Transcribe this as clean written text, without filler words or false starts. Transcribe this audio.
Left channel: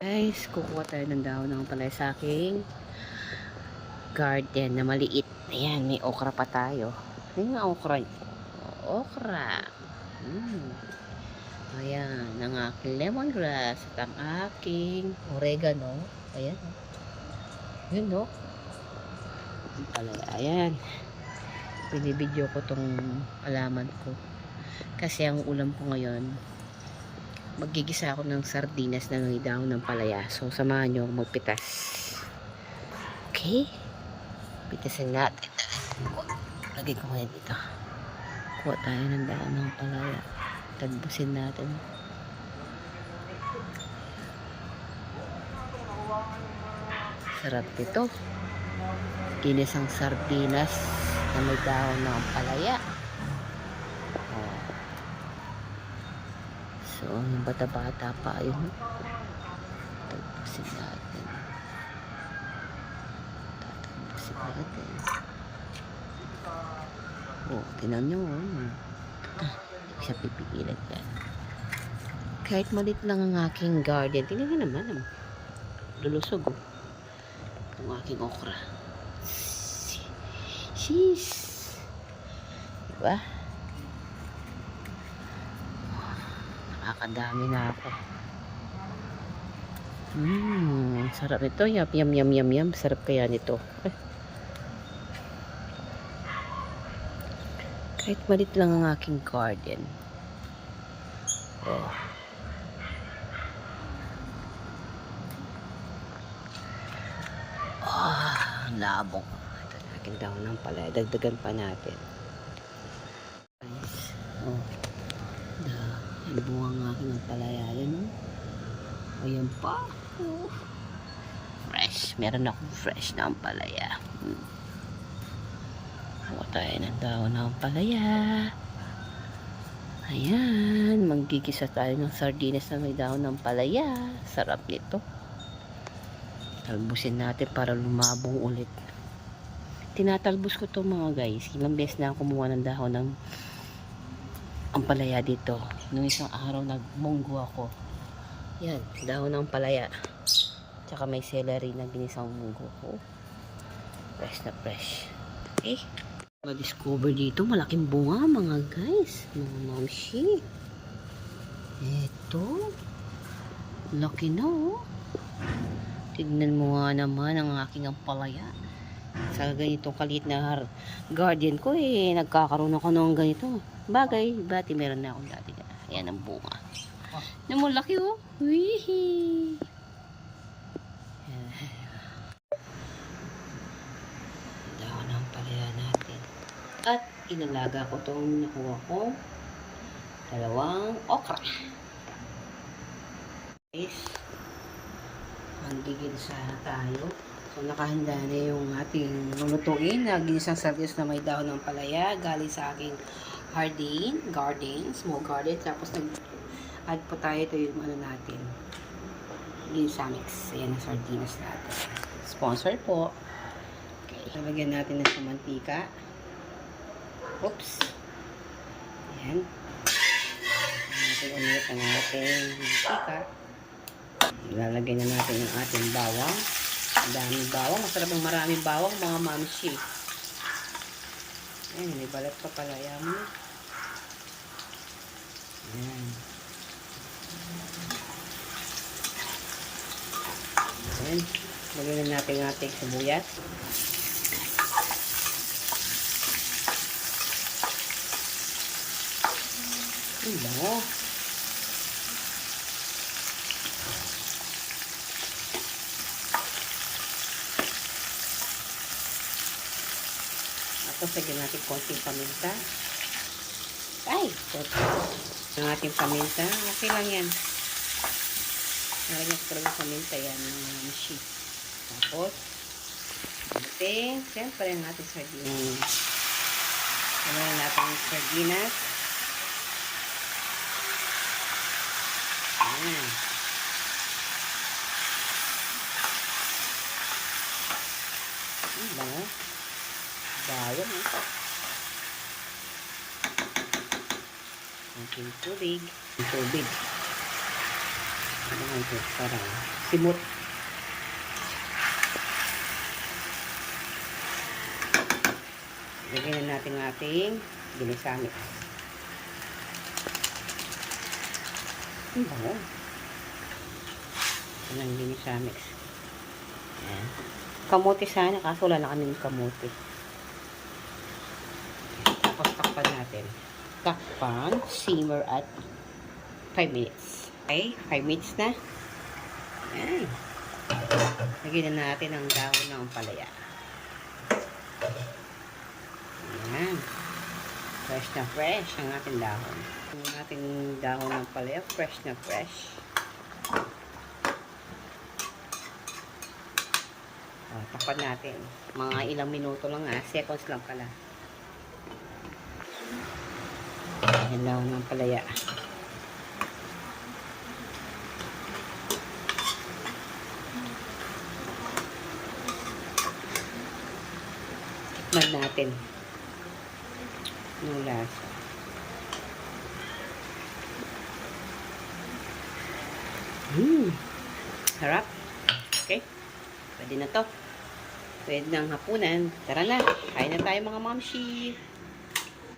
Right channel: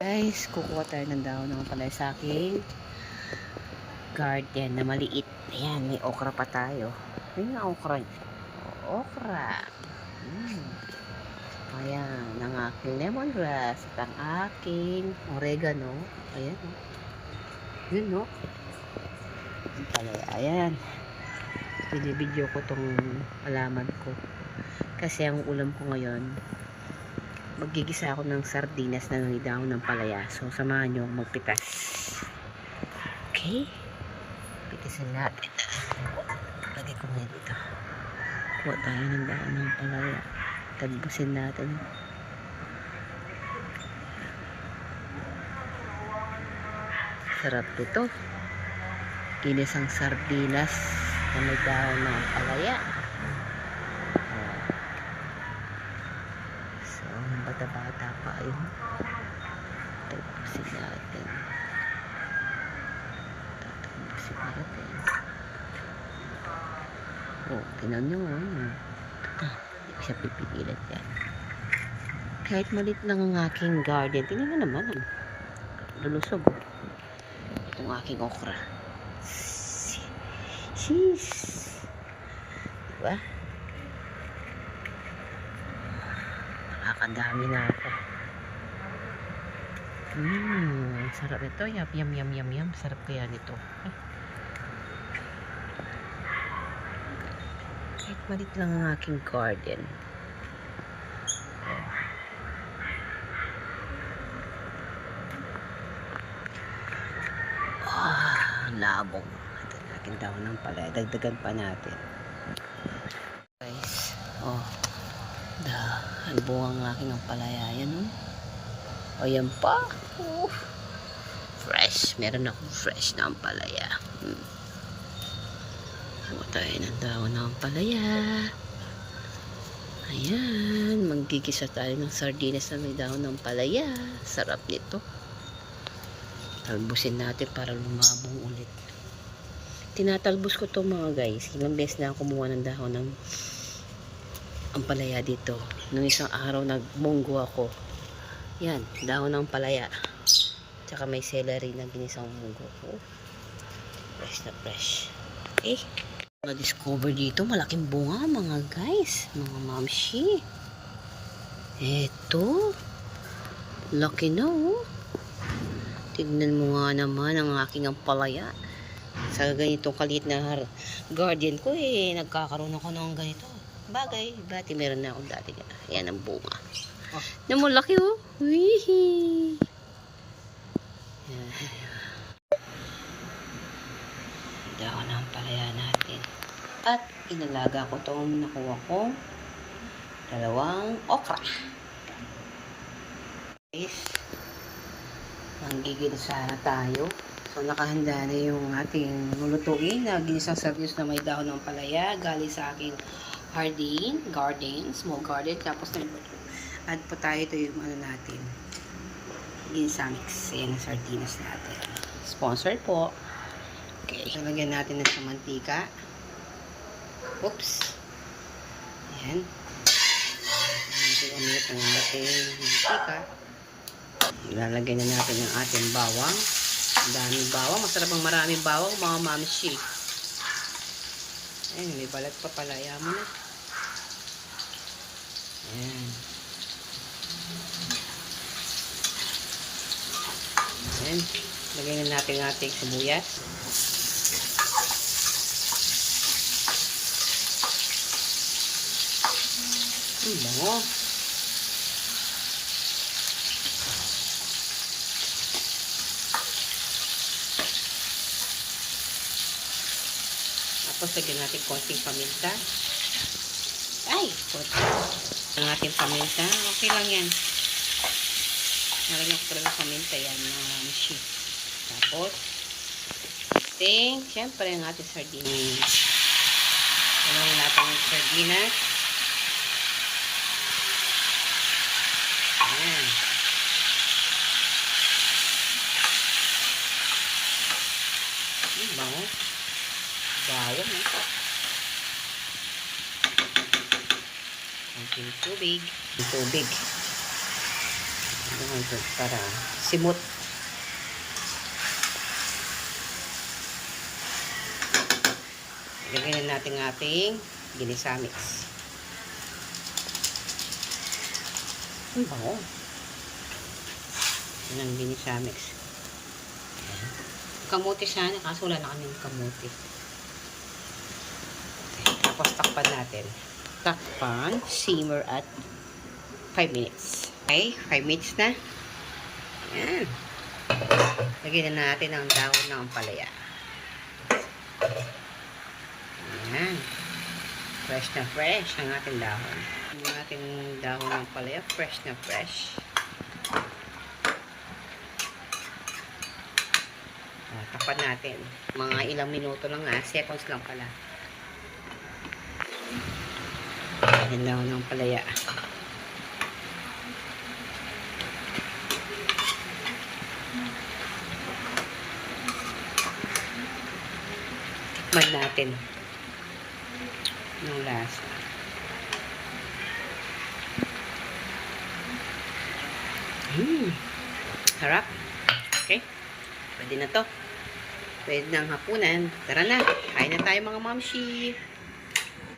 Guys, kukuha tayo ng dahon ng palay sa aking garden na maliit. Ayan, may okra pa tayo. Ayan ang okra. Okra. Ayan, ang aking lemongrass at ang aking oregano. Ayan, no? Ayan, no? Ang palay. Ayan. Binibidyo ko tong alaman ko. Kasi ang ulam ko ngayon, magigisa ako ng sardinas na may dahon ng palaya. So, samahan nyo magpitas. Okay? Pitasin natin. Lagay ko ngayon dito. Kuha tayo ng dahon ng palaya. Tagbusin natin. Sarap nito. Ginisang sardinas na may dahon ng palaya. So, yung bata-bata pa yun. Tagbusin natin. Tatagbusin natin. Oh, tinan nyo. Hindi ko siya pipigilan yan. Kahit malit lang ang aking garden. Tinan nyo naman. Lulusog, oh. Itong aking okra. Sheesh. Diba? Nakakadami na ako. Sarap ito. Yum. Sarap kaya nito. Kahit malit lang ang aking garden. Oh. Labong. Ito natin dahon ng palaya. Dagdagan pa natin. Guys. Oh. Buong ang aking ang palaya. Ayan, oh. Ayan pa. Oh. Fresh. Meron akong fresh na ang palaya. Kuha tayo ng dahon ng palaya. Ayan. Magigisa tayo ng sardinas na may dahon ng palaya. Sarap nito. Talbusin natin para lumabong ulit. Tinatalbos ko to mga guys. Ilang beses na kumuha ng dahon ng ampalaya dito. Nung isang araw nagmunggo ako. Yan, dahon ng palaya. Tsaka may celery na ginisang munggo. Oh. Fresh na fresh. Okay. Na-discover dito, malaking bunga mga guys. Mga mamshi. Eto. Laki na, oh. Tignan mo nga naman ang aking ampalaya. Sa ganitong kaliit na garden ko nagkakaroon ako ng ganito. Bagay, bati meron na akong dati. Ayan ang bunga. Namulaki, oh. Wihi. Dahon ng palaya natin. At inalaga ko itong nakuha kong dalawang okra. Guys, manggigilisa na tayo. So, nakahanda na yung ating lulutuin na ginisang sardinas na may dahon ng palaya galing sa aking garden, small garden. Tapos nag-add po tayo ito yung ano natin, ginisa mix. Ayan ang sardinas natin. Sponsor po. Okay. Lagyan natin ng mantika. Oops. Ayan. Natin ulit ang ating mantika. Ilalagay na natin ang ating bawang. Ang daming bawang. Masarap ang maraming bawang, mga mamshi. Ayan, may balat pa pala. Ayaw mo na. Ayan. Ayan. Lagyan na natin ang ating sibuyas. Bango. Tapos lagyan natin konting paminta. Konting ang ating paminta. Okay lang yan. Nalagyan ko talaga paminta yan, mga mishi. Tapos siyempre ang ating sardinas. Gawin natin yung sardinas. Ayan. Bango. Bawang, eh. Konting tubig. Para simot. Lagyan na natin ating ginisa mix. Ang bango. Yan ang ginisa mix. Yan. Kamote sana, kaso wala na kaming kamote. Tapos takpan natin. Takpan, simmer at 5 minutes. Okay, 5 minutes na. Yan. Lagyan na natin ang dahon ng ampalaya. Yan. Fresh na fresh ang ating dahon. Ang ating dahon ng ampalaya, fresh na fresh. Takpan natin. Mga ilang minuto lang seconds lang pala. Ang dahon ng ampalaya. Tikman natin yung lasa. Harap. Okay. Pwede na to. Pwede ng hapunan. Tara na. Kain na tayo mga mamshi.